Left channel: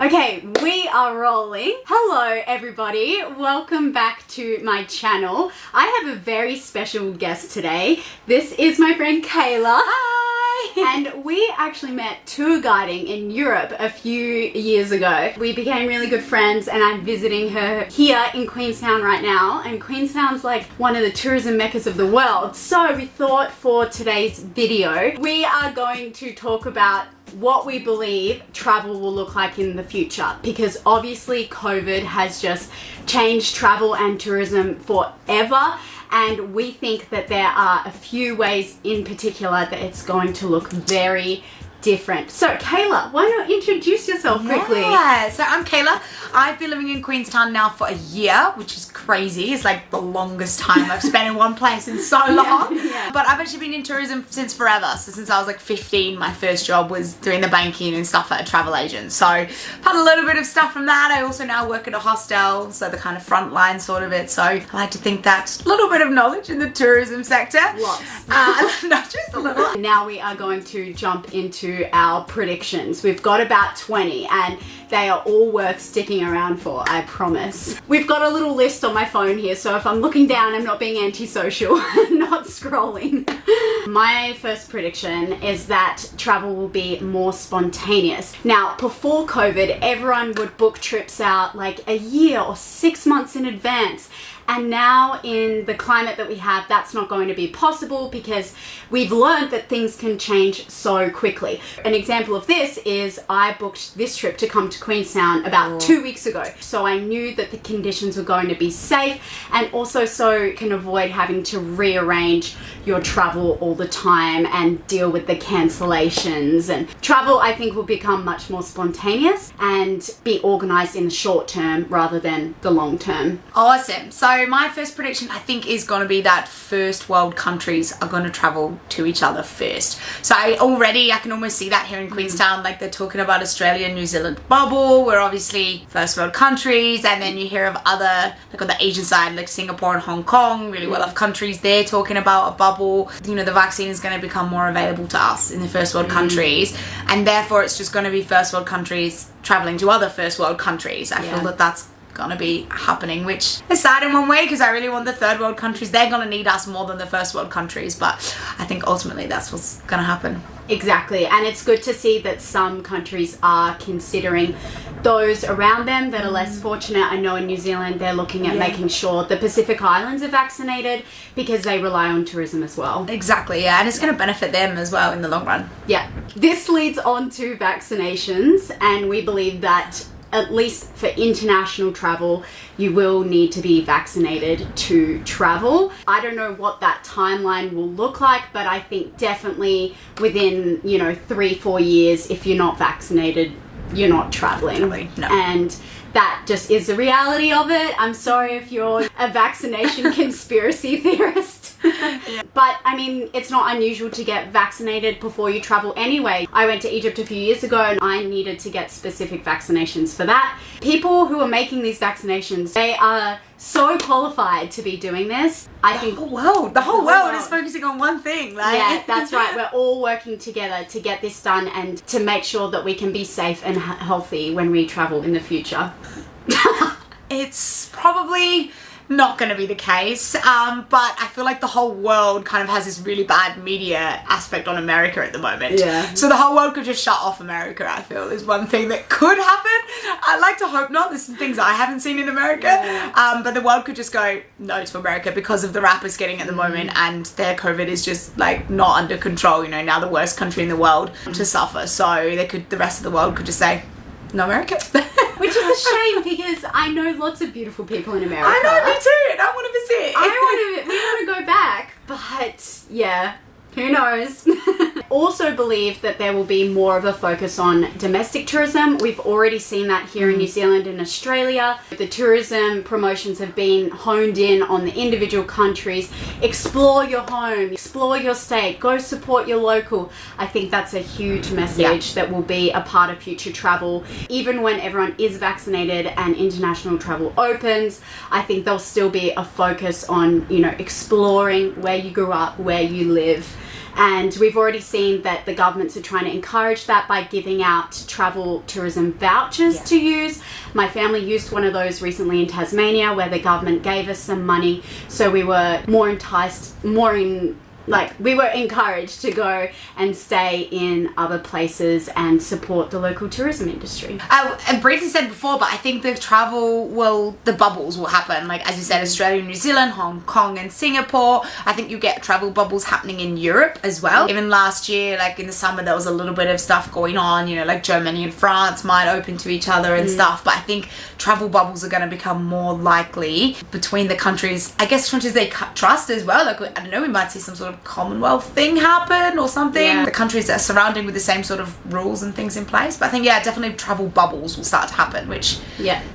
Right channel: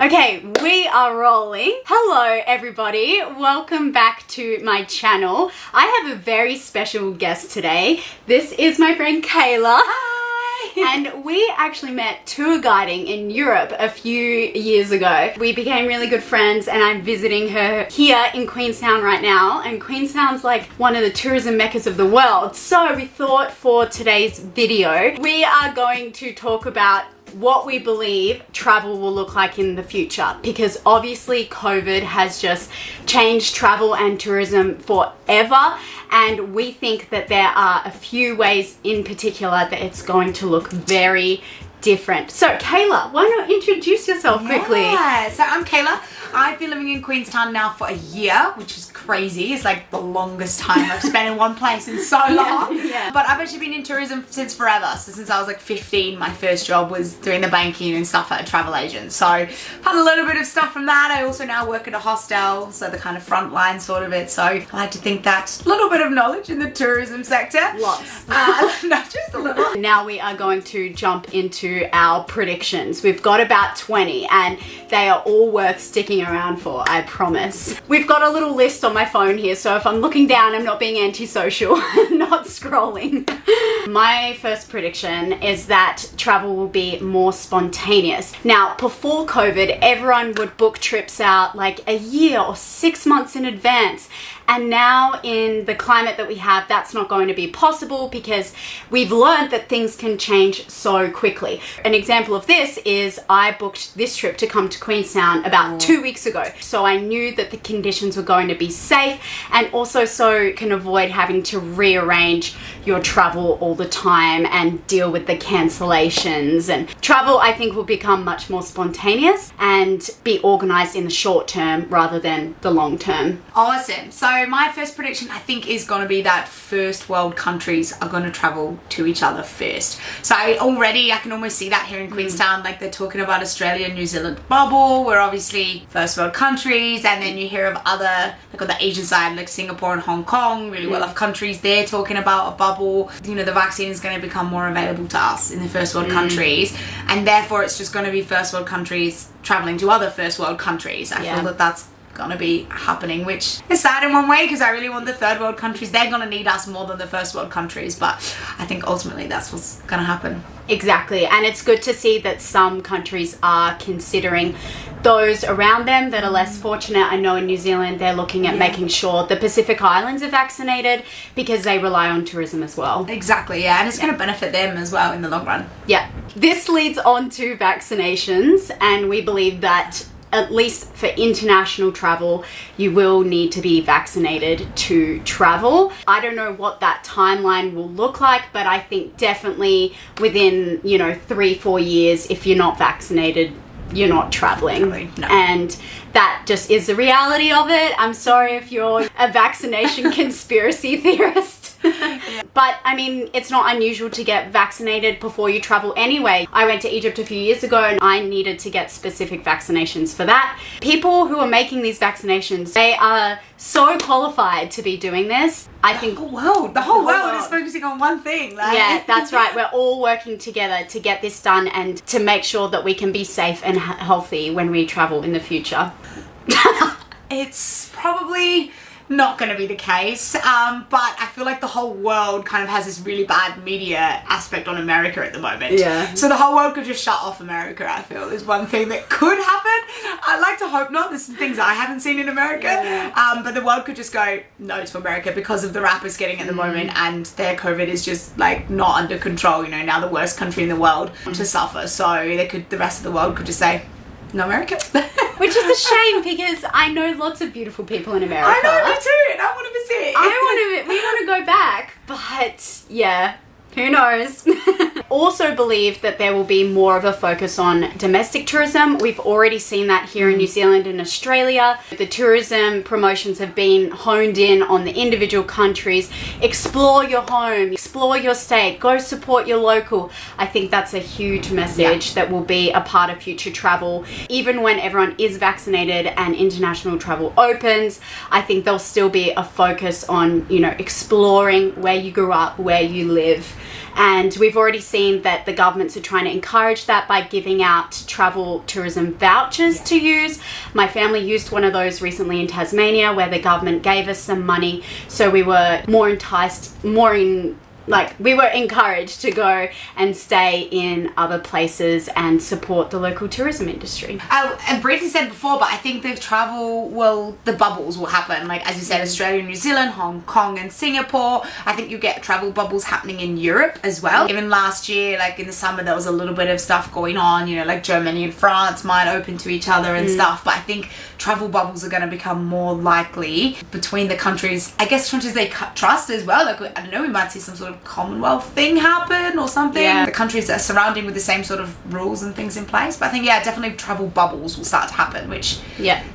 Okay, we are rolling. Hello everybody, welcome back to my channel. I have a very special guest today. This is my friend Kayla. Hi! And we actually met tour guiding in Europe a few years ago. We became really good friends and I'm visiting her here in Queenstown right now. And Queenstown's like one of the tourism meccas of the world. So we thought for today's video, we are going to talk about what we believe travel will look like in the future, because obviously COVID has just changed travel and tourism forever, and we think that there are a few ways in particular that it's going to look very different. So Kayla, why not introduce yourself quickly? Yeah, so I'm Kayla. I've been living in Queenstown now for a year, which is crazy. It's like the longest time I've spent in one place in so long. Yeah. But I've actually been in tourism since forever. So since I was like 15, my first job was doing the banking and stuff at a travel agent. So I've had a little bit of stuff from that. I also now work at a hostel, so the kind of front line sort of it. So I like to think that's a little bit of knowledge in the tourism sector. Lots. Not just a little. Now we are going to jump into our predictions. We've got about 20 and they are all worth sticking around for, I promise. We've got a little list on my phone here, so if I'm looking down, I'm not being antisocial, not scrolling. My first prediction is that travel will be more spontaneous. Now, before COVID, everyone would book trips out like a year or 6 months in advance. And now in the climate that we have, that's not going to be possible because we've learned that things can change so quickly. An example of this is I booked this trip to come to Queenstown about 2 weeks ago. So I knew that the conditions were going to be safe, and also so can avoid having to rearrange your travel all the time and deal with the cancellations. And travel, I think, will become much more spontaneous and be organized in the short term rather than the long term. Awesome. So my first prediction, I think, is going to be that first world countries are going to travel to each other first. So I can almost see that here in Queenstown. Like they're talking about Australia and New Zealand bubble. We're obviously first world countries, and then you hear of other, like on the Asian side, like Singapore and Hong Kong, really well-off countries. They're talking about a bubble. You know, the vaccine is going to become more available to us in the first world countries, and therefore it's just going to be first world countries traveling to other first world countries. I feel that that's gonna be happening, which is sad in one way because I really want the third world countries. They're gonna need us more than the first world countries, but I think ultimately that's what's gonna happen. Exactly, and it's good to see that some countries are considering those around them that are less fortunate. I know in New Zealand they're looking at making sure the Pacific Islands are vaccinated because they rely on tourism as well. Exactly, yeah, and it's going to benefit them as well in the long run. Yeah, this leads on to vaccinations, and we believe that at least for international travel, you will need to be vaccinated to travel. I don't know what that timeline will look like, but I think definitely within, 3-4 years, if you're not vaccinated, you're not traveling. No. And that just is the reality of it. I'm sorry if you're a vaccination conspiracy theorist. But I mean, it's not unusual to get vaccinated before you travel anyway. I went to Egypt a few years ago and I needed to get specific vaccinations for that. People who are making these vaccinations, they are so qualified to be doing this. I think the whole world is focusing on one thing. Like. Yeah, that's right. We're all working together to get this done and to make sure that we can be safe and healthy when we travel in the future. It's probably not going to be the case, but I feel like the whole world kind of has this really bad media aspect on America at the moment. Yeah. So the whole world could just shut off America, I feel, is one thing that could happen. I'd like to hope not. There's some things I haven't seen in America, but the world could just go no to America because of the rap it's getting at the moment, and their COVID is just like not under control. Now the worst country in the world to suffer. So the rest of the world could just say no America. Which is a shame because I know lots of beautiful people in America. I know, me too, and I want to visit. We want to go back, but yeah, who knows? Also believe that there will be more of a focus on domestic tourism. We've already seen that here in New Zealand and Australia. The tourism promotions have been honed in on the individual countries. Explore your home, explore your state, go support your local. I think that's a huge message that will be a part of future travel. Even when everyone is vaccinated and international travel opens, I think there'll still be a focus on, exploring where you grew up, where you live, And we've already seen that the governments are trying to encourage that by giving out travel tourism vouchers to use. My family used one of those recently in Tasmania, where the government gave us some money, so we were more enticed, we were encouraged to go and stay in other places and support the local tourism industry. And briefly said before, but I think the bubbles will happen. Like, as you said, Australia, New Zealand, Hong Kong and Singapore. I think you get travel bubbles happening in Europe as well. Even last year, like in the summer, there was a little bit of stuff going on, you know, like Germany and France might open to each other and stuff. But I think travel bubbles are going to become more likely between the countries. I guess countries they trust as well. Like, I don't know, we might see some sort of Commonwealth thing happen or something. The countries that are surrounding with the same sort of rules and things in place. But I think, definitely travel bubbles will start to happen, which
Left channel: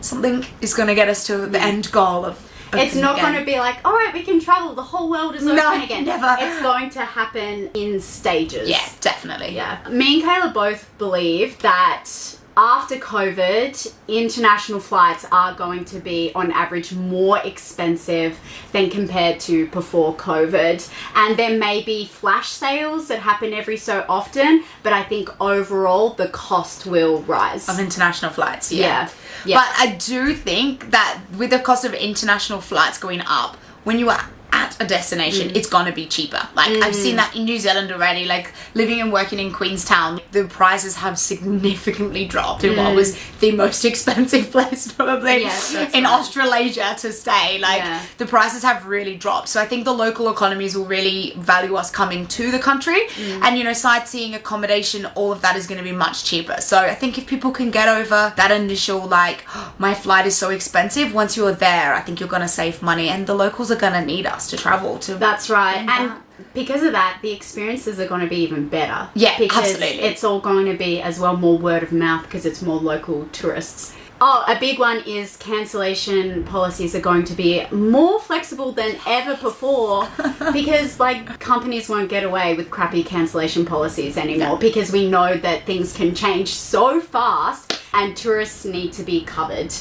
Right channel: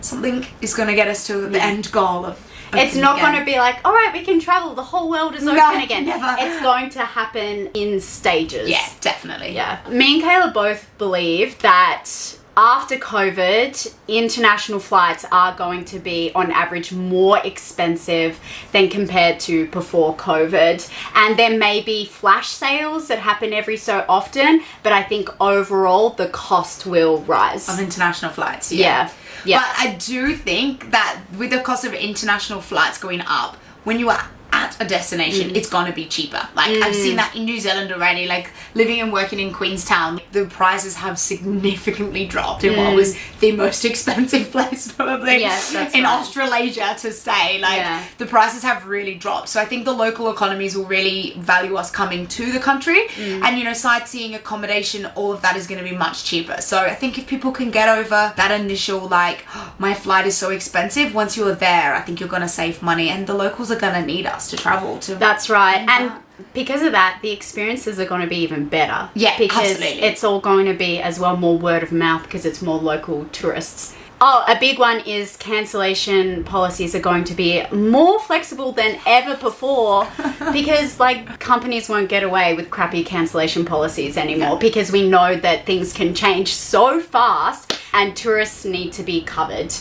something is going to get us to the end goal of it's not going to be like, all right, we can travel, the whole world is open again. Never. It's going to happen in stages. Yeah, definitely. Yeah. Me and Kayla both believe that after COVID, international flights are going to be, on average, more expensive than compared to before COVID. And there may be flash sales that happen every so often, but I think overall the cost will rise. Of international flights, Yeah. But I do think that with the cost of international flights going up, when you are at a destination, it's gonna be cheaper. Like, I've seen that in New Zealand already. Like, living and working in Queenstown, the prices have significantly dropped in what was the most expensive place probably in Australasia to stay. Like, the prices have really dropped. So I think the local economies will really value us coming to the country, and, you know, sightseeing, accommodation, all of that is going to be much cheaper. So I think if people can get over that initial, like, oh, my flight is so expensive, once you're there, I think you're going to save money, and the locals are going to need us to travel to. That's right. And because of that, the experiences are going to be even better. Yeah, because absolutely. It's all going to be as well more word of mouth because it's more local tourists. Oh, a big one is cancellation policies are going to be more flexible than ever before because, like, companies won't get away with crappy cancellation policies anymore because we know that things can change so fast and tourists need to be covered.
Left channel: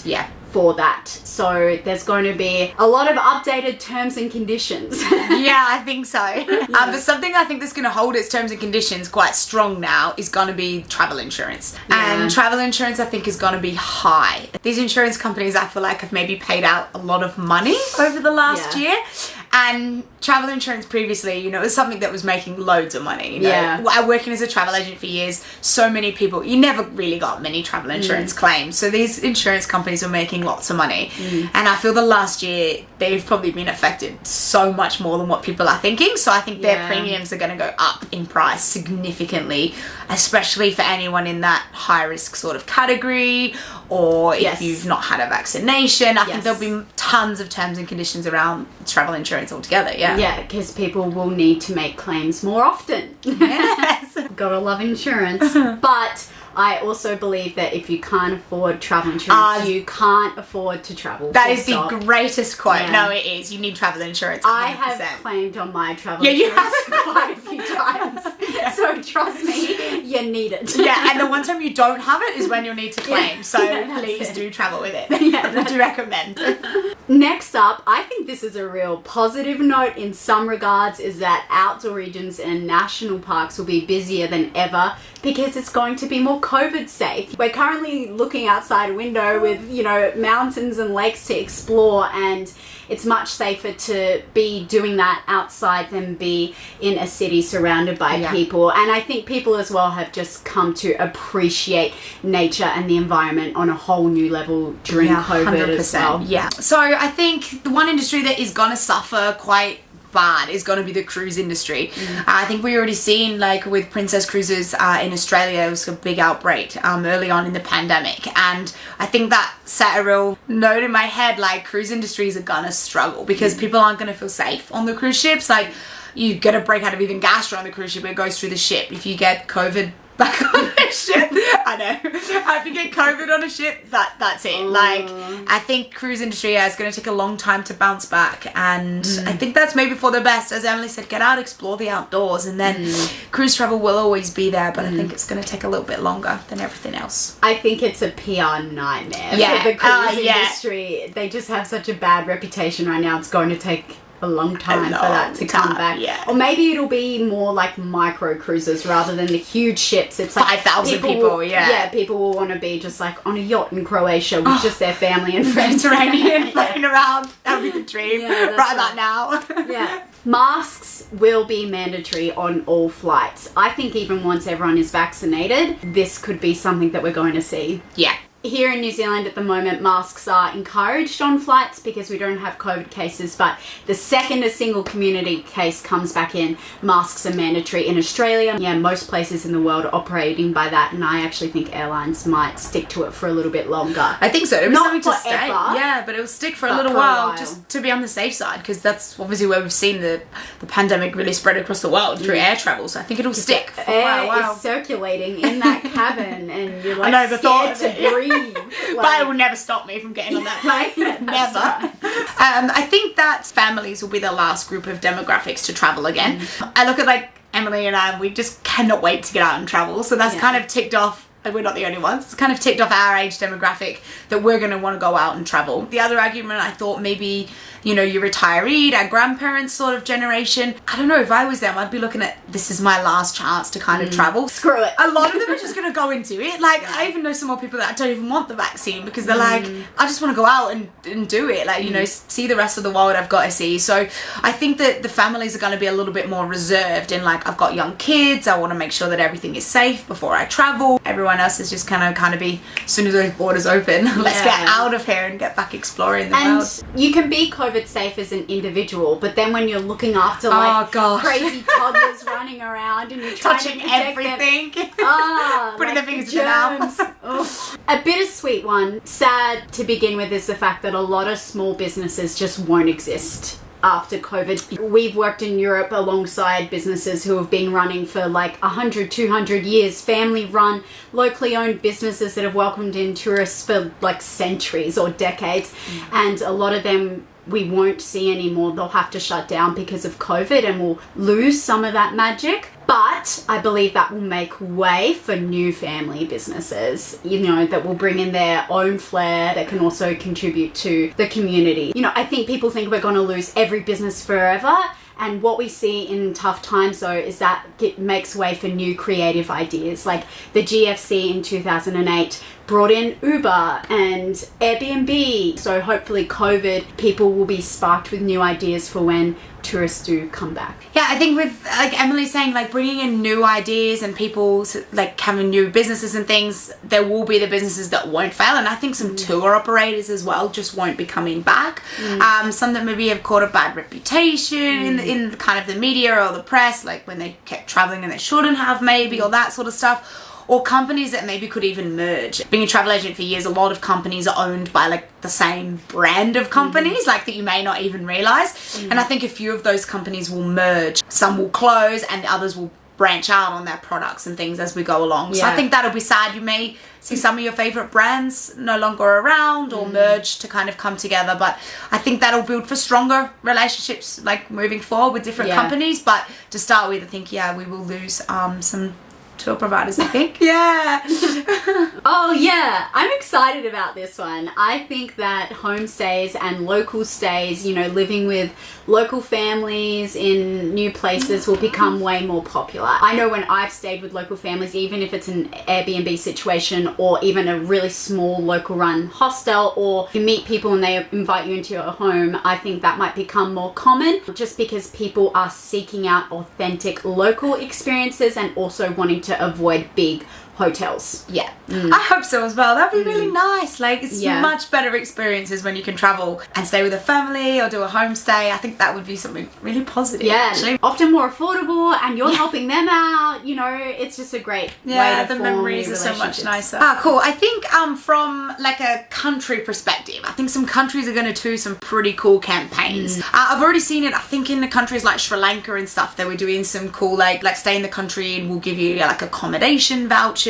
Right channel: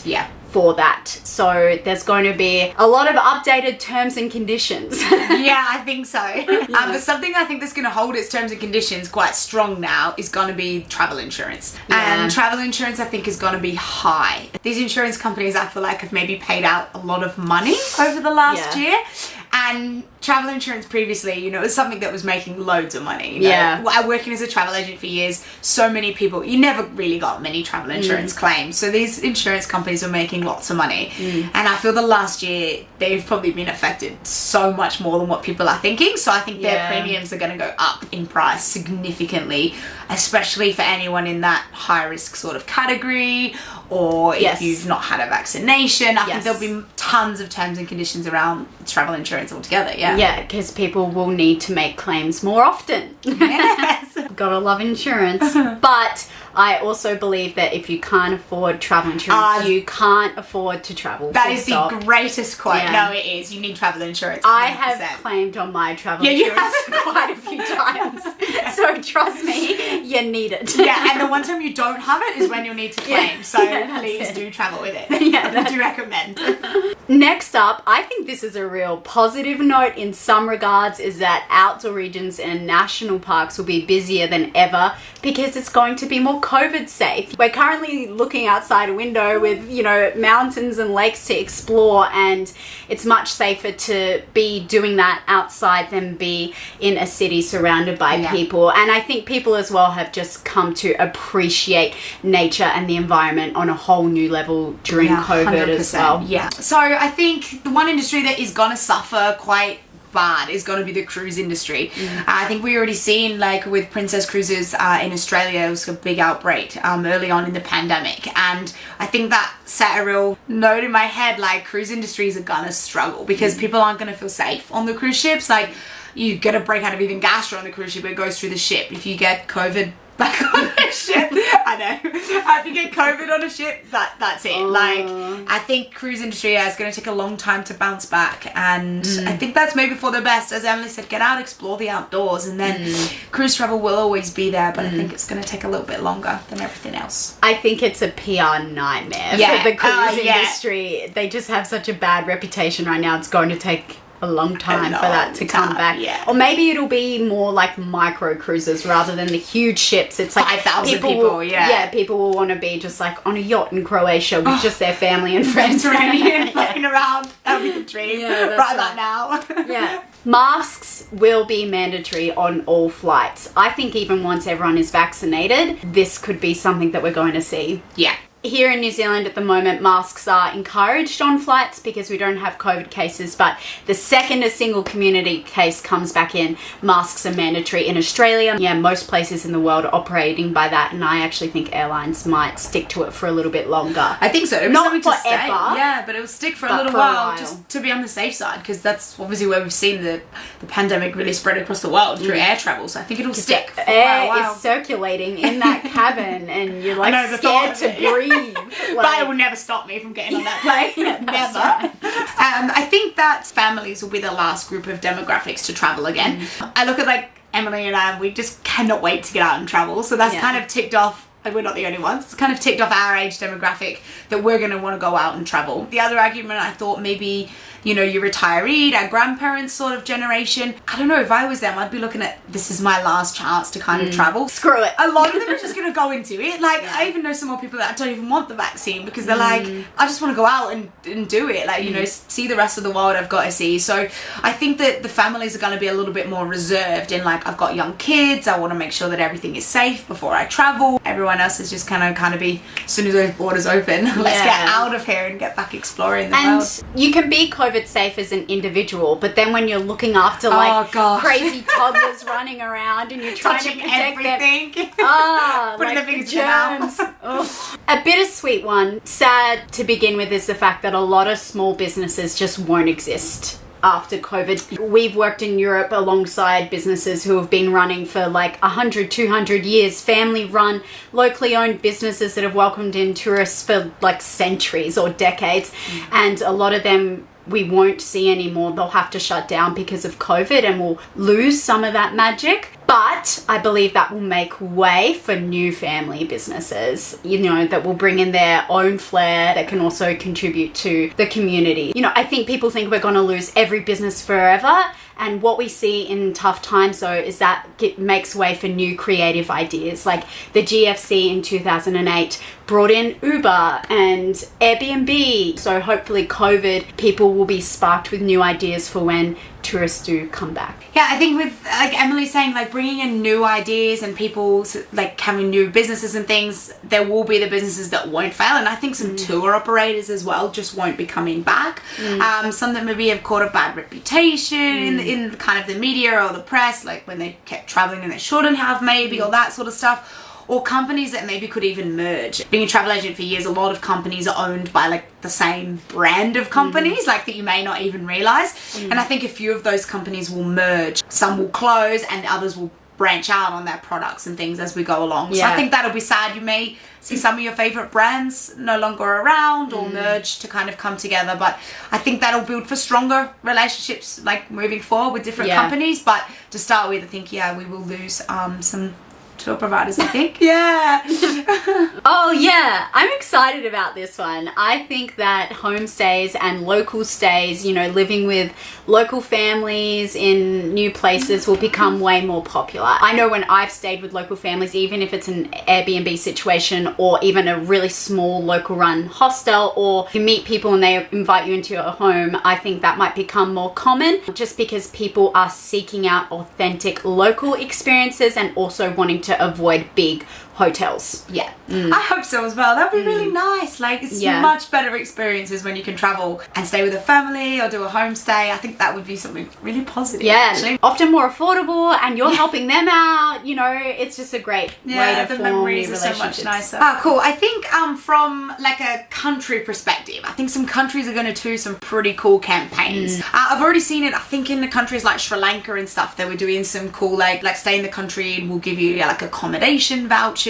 For that. So there's going to be a lot of updated terms and conditions. I think so. But something I think that's going to hold its terms and conditions quite strong now is going to be travel insurance. And travel insurance, I think, is going to be high. These insurance companies, I feel like, have maybe paid out a lot of money over the last year. And travel insurance previously, you know, it was something that was making loads of money. You know? Working as a travel agent for years, so many people, you never really got many travel insurance claims. So these insurance companies were making lots of money. And I feel the last year, they've probably been affected so much more than what people are thinking. So I think their premiums are going to go up in price significantly, especially for anyone in that high risk sort of category, or if you've not had a vaccination. I think there'll be tons of terms and conditions around travel insurance altogether. Yeah, because people will need to make claims more often. Yes. Gotta love insurance. But I also believe that if you can't afford travel insurance, you can't afford to travel. That is the greatest quote. No, it is. You need travel insurance. 100%. I have claimed on my travel insurance quite a few times. So trust me, you need it. And the one time you don't have it is when you'll need to claim. So please do travel with it. I do recommend. Next up, I think this is a real positive note in some regards, is that outdoor regions and national parks will be busier than ever because it's going to be more COVID safe. We're currently looking outside a window with, you know, mountains and lakes to explore, and it's much safer to be doing that outside than be in a city surrounded by people. And I think people as well have just come to appreciate nature and the environment on a whole new level during COVID 100%. As well. So I think the one industry that is going to suffer quite bad is going to be the cruise industry. I think we already seen, like with Princess Cruises in Australia, it was a big outbreak early on in the pandemic, and I think that set a real note in my head, like cruise industries are gonna struggle because people aren't gonna feel safe on the cruise ships. Like, you get a break out of even gastro on the cruise ship, it goes through the ship. If you get COVID back on a ship, I know, if you get COVID on a ship, that's it. Like, I think cruise industry is going to take a long time to bounce back, and I think that's maybe for the best. As Emily said, get out, explore the outdoors, and then cruise travel will always be there, but I think it's going to take a little bit longer than everything else. I think it's a PR nightmare for the cruise industry. They just have such a bad reputation right now. It's going to take a long time for that to come back. Yeah. Or maybe it'll be more like micro cruises rather than the huge ships. It's like 5,000 people, yeah, people will want to be just like on a yacht in Croatia with just their family and friends. Mediterranean, floating around. That would be the dream. Yeah, that's right about now. Yeah. Masks will be mandatory on all flights. I think even once everyone is vaccinated, this could be something that we're going to see. Yeah. Here in New Zealand at the moment, masks are encouraged on flights because we don't have COVID cases, but the second a single community case comes back in, masks are mandatory. In Australia, yeah, most places in the world are operating by that, and I actually think airlines might stick to it for a little bit longer. I think so. It was Not something to forever. stay. Yeah, but it will stick for a little for a while, while. just to be on the safe side, because that's obviously where we've seen the pandemic really spread across the world through air travel. So I think it'll stick for Air a while. is circulating in that cabin, and you're like know, the scared thought to of it. breathe. But it will never stop me from getting on that plane. Yeah, that's Never. right. I think that families will be the last group of demographics to travel again. I look at like Emily and I, we just cannot wait to get out and travel. So that's kind of ticked off. And we're not the only ones. It's kind of ticked off our age demographic that we're going to want to go out and travel. The other argument, I thought maybe, you know, your retiree, our grandparents sort of generation. I don't know, if I was them, I'd be looking at, this is my last chance to kind of travel. Screw it. A lot of them are just going to go into it. Like, I even know some more people that don't even want the vaccine because they're like, I just want to go out and do it. Like, you know, see the rest of the world I've got to see. So I think that the families are going to be a little bit more reserved in like, I've got young kids. I want to make sure that everything is safe before I travel. Everyone else is just kind of be, as soon as those borders open, let's get out of here and get back exploring the world. You can be COVID safe as an individual, but then when you're looking after like crazy toddlers running around and you're trying Touching to protect everything. them, Putting like their the fingers in their mouth. germs. Ugh. A bittersweet one, sad to begin with, is the fact that a lot of small businesses just won't exist after COVID. We've worked in Europe alongside businesses who have been running for like 100, 200 years, family run, locally owned businesses that have welcomed in tourists for like centuries or decades. And a lot of them we won't see anymore. They'll have to shut down because of COVID and we'll lose some of that magic. But I believe that will make way for new family businesses, you know, that will bring in their own flair that can also contribute to the community. You know, I think people think we're going to lose every business forever. And what we see in tough times, though, is that it makes way for new creative ideas. Like the GFC in 2008 brought in Uber and Airbnb. So hopefully COVID, people will be sparked with new ideas for when tourists do come back. Yeah, I think with, like Emily saying, like bringing in new ideas and people like having new businesses and things, there will be the businesses that won't fail. And I think some tour operators as well just won't be coming back. Some that maybe have caught a bad reputation in kind of the media or the press, like when they kept traveling and they shouldn't have maybe, or that sort of stuff. Or companies that maybe could even merge. Being a travel agent for years, a lot of companies are owned by like the same brand of companies, like that you may not even realize. And I think a few of those companies will merge. Some will close and others will branch out on their products and things as we go along. So I think that'll be sad. You may see some of your favorite brands no longer around or merge to kind of come together. But I think that'll build for stronger relationships like moving forward with different companies. But to start with, I think, we will lose some tour providers, I think. Oh yeah, I'm excited about this one. I think that homestays and local stays, you know, living with local families in new places will become way more popular. I know when I've stayed with local families, even if it's an Airbnb situation or even a really small local run hostel, or you meet people and they invite you into your home, I think that might become more common just because people are seeking out authentic local experiences and also wanting to avoid big hotels. I hope so as well. That'd be really nice. Like, it's much better experiences when you can travel and stay with a family or do a homestay. I think that would be something really positive. Actually. Often more affordable, and you're helping them out. You know, it's just a great way to the form memories new are so relationships. much nicer. Cool. I think from like a country perspective, I think some countries are going to do some pretty cool campaigns. I've already seen it. I think in the countries like Sri Lanka and stuff, they were doing some cool like stay in the country and we'll give you like accommodation vouchers.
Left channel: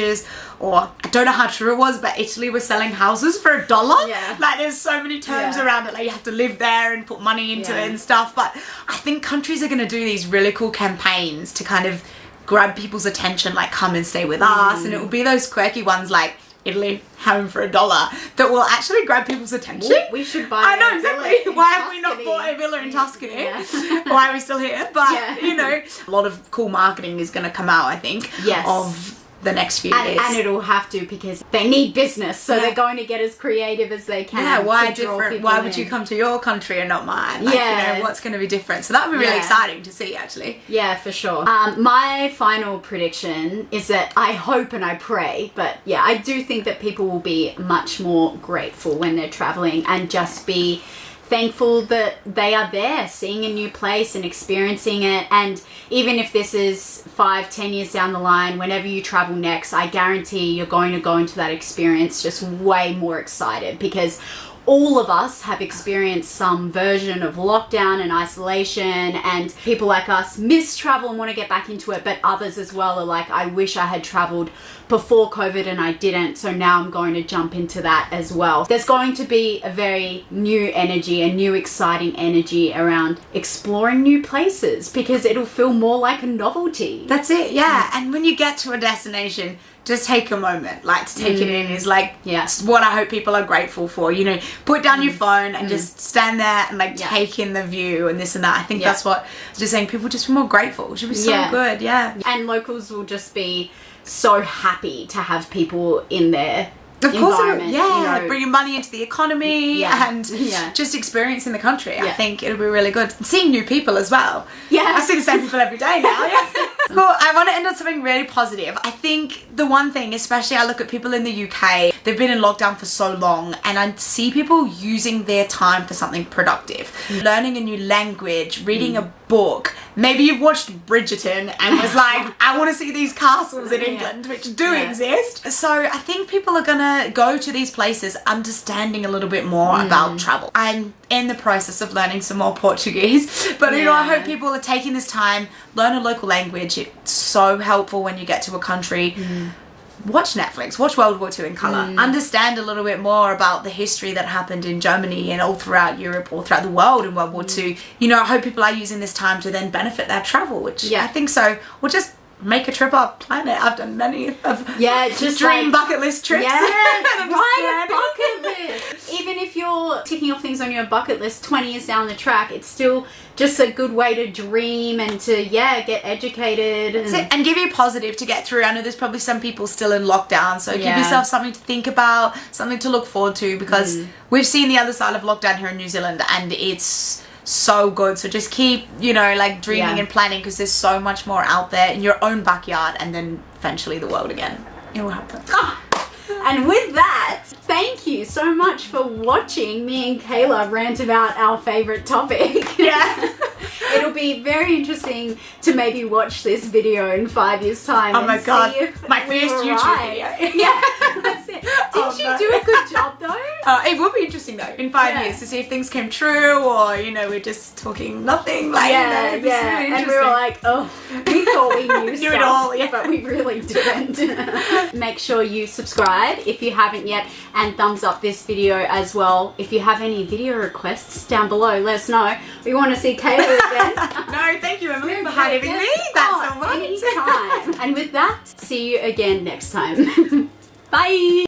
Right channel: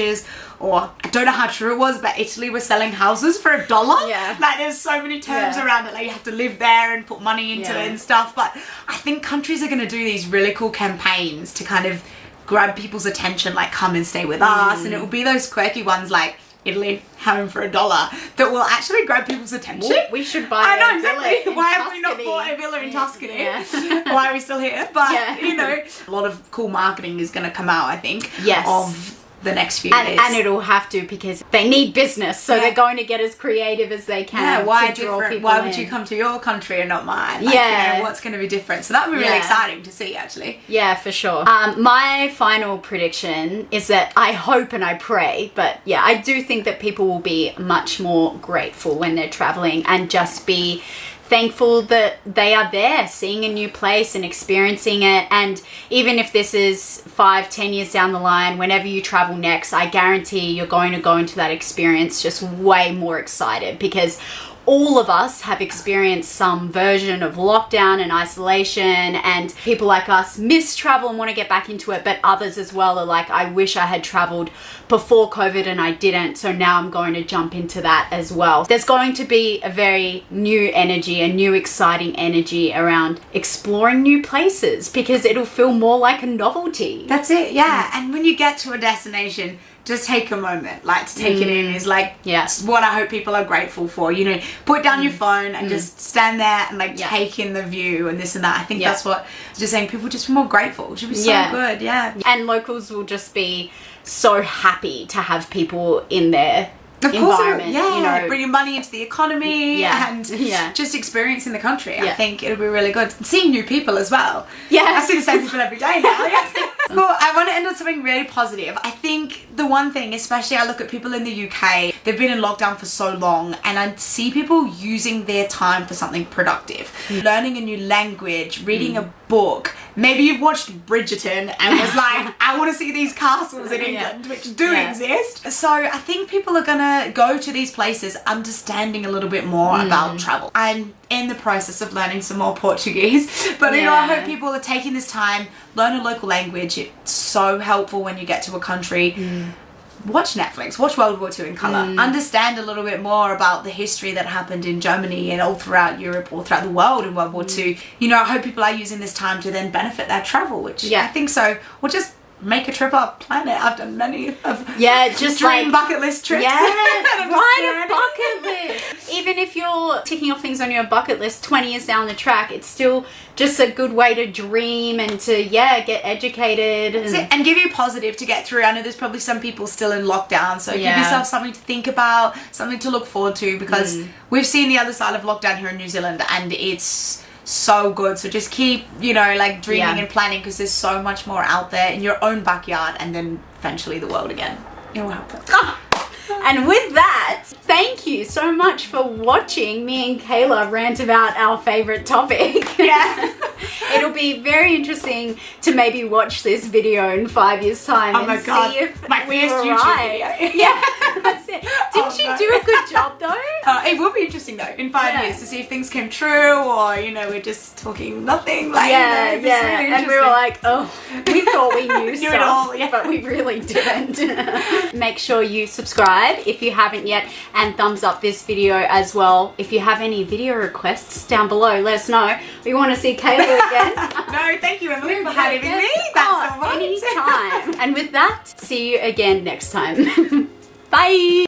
Or I don't know how true it was, but Italy was selling houses for $1. Like there's so many terms around it. Like you have to live there and put money into it and stuff. But I think countries are going to do these really cool campaigns to kind of grab people's attention, like come and stay with us. And it will be those quirky ones like Italy home for $1 that will actually grab people's attention. We should buy I know, a villa exactly. in Why have we not Tuscany? bought a villa in Tuscany? Yeah. Why are we still here? But, Yeah. you know, a lot of cool marketing is going to come out, I think, Yes. of the next few years. And it'll have to, because they need business, so Yeah. they're going to get as creative as they can. Yeah, why to draw different? people Why would in. you come to your country and not mine? Like, Yeah. you know, what's going to be different? So that would be really Yeah. exciting to see, actually. Yeah, for sure. My final prediction is that I hope and I pray, but yeah, I do think that people will be much more grateful when they're traveling and just be thankful that they are there, seeing a new place and experiencing it. And even if this is 5-10 years down the line, whenever you travel next, I guarantee you're going to go into that experience just way more excited, because all of us have experienced some version of lockdown and isolation, and people like us miss travel and want to get back into it, but others as well are like, I wish I had traveled before COVID and I didn't, so now I'm going to jump into that as well. There's going to be a very new energy, a new exciting energy around exploring new places, because it'll feel more like a novelty. That's it, yeah. And when you get to a destination, just take a moment, like, to take it in is like, Yes. what I hope people are grateful for. You know, put down your phone and just stand there and like Yeah. take in the view and this and that. I think Yeah. that's what I was just saying. People just be more grateful. It should be so Yeah. good, yeah. And locals will just be so happy to have people in their Of course, environment, yeah, you know. bringing money into the economy Yeah. and Yeah. just experiencing the country. I Yeah. think it'll be really good. Seeing new people as well. Yeah. I see the same people every day now. Yes. Well, I want to end on something really positive. I think the one thing, especially I look at people in the UK, they've been in lockdown for so long, and I see people using their time for something productive. Learning a new language, reading a book. Maybe you've watched Bridgerton and was like, I want to see these castles in England, which do Yeah. exist. So I think people are going to go to these places understanding a little bit more about travel. I'm in the process of learning some more Portuguese, but you know, I hope people are taking this time, learn a local language. It's so helpful when you get to a country. Watch Netflix, watch World War II in colour, understand a little bit more about the history that happened in Germany and all throughout Europe, all throughout the world in World War II. You know, I hope people are using this time to then benefit their travel, which I think so. Or just make a trip up, plan it. I've done many of just dream like bucket list trips. Yeah, I'm just write a planning. bucket list. Even if you're ticking off things on your bucket list 20 years down the track, it's still just a good way to dream and to get educated And give you positive to get through. I know there's probably some people still in lockdown, so give yourself something to think about, something to look forward to, because we've seen the other side of lockdown here in New Zealand, and it's so good. So just keep, you know, like dreaming and planning, because there's so much more out there in your own backyard, and then eventually the world again. It will happen. And with that, thank you so much for watching me and Kayla rant about our favorite topic. Yeah. It'll be very interesting to maybe watch this video in 5 years' time. Oh my God. See if My we first were YouTube right. video. Yeah, that's it. Didn't you do a good job though? It will be interesting though in 5 years to see if things came true, or you know, we're just talking nothing. Like, you know, it's really and we were like, oh, we thought we knew Knew stuff, it all, yeah. but we really didn't. Make sure you subscribe if you haven't yet, and thumbs up this video as well. If you have any video requests down below, let us know. We want to see Kayla again. No, thank you, Emily, for having me. Oh, That's so much. anytime. And with that, see you again next time. Bye.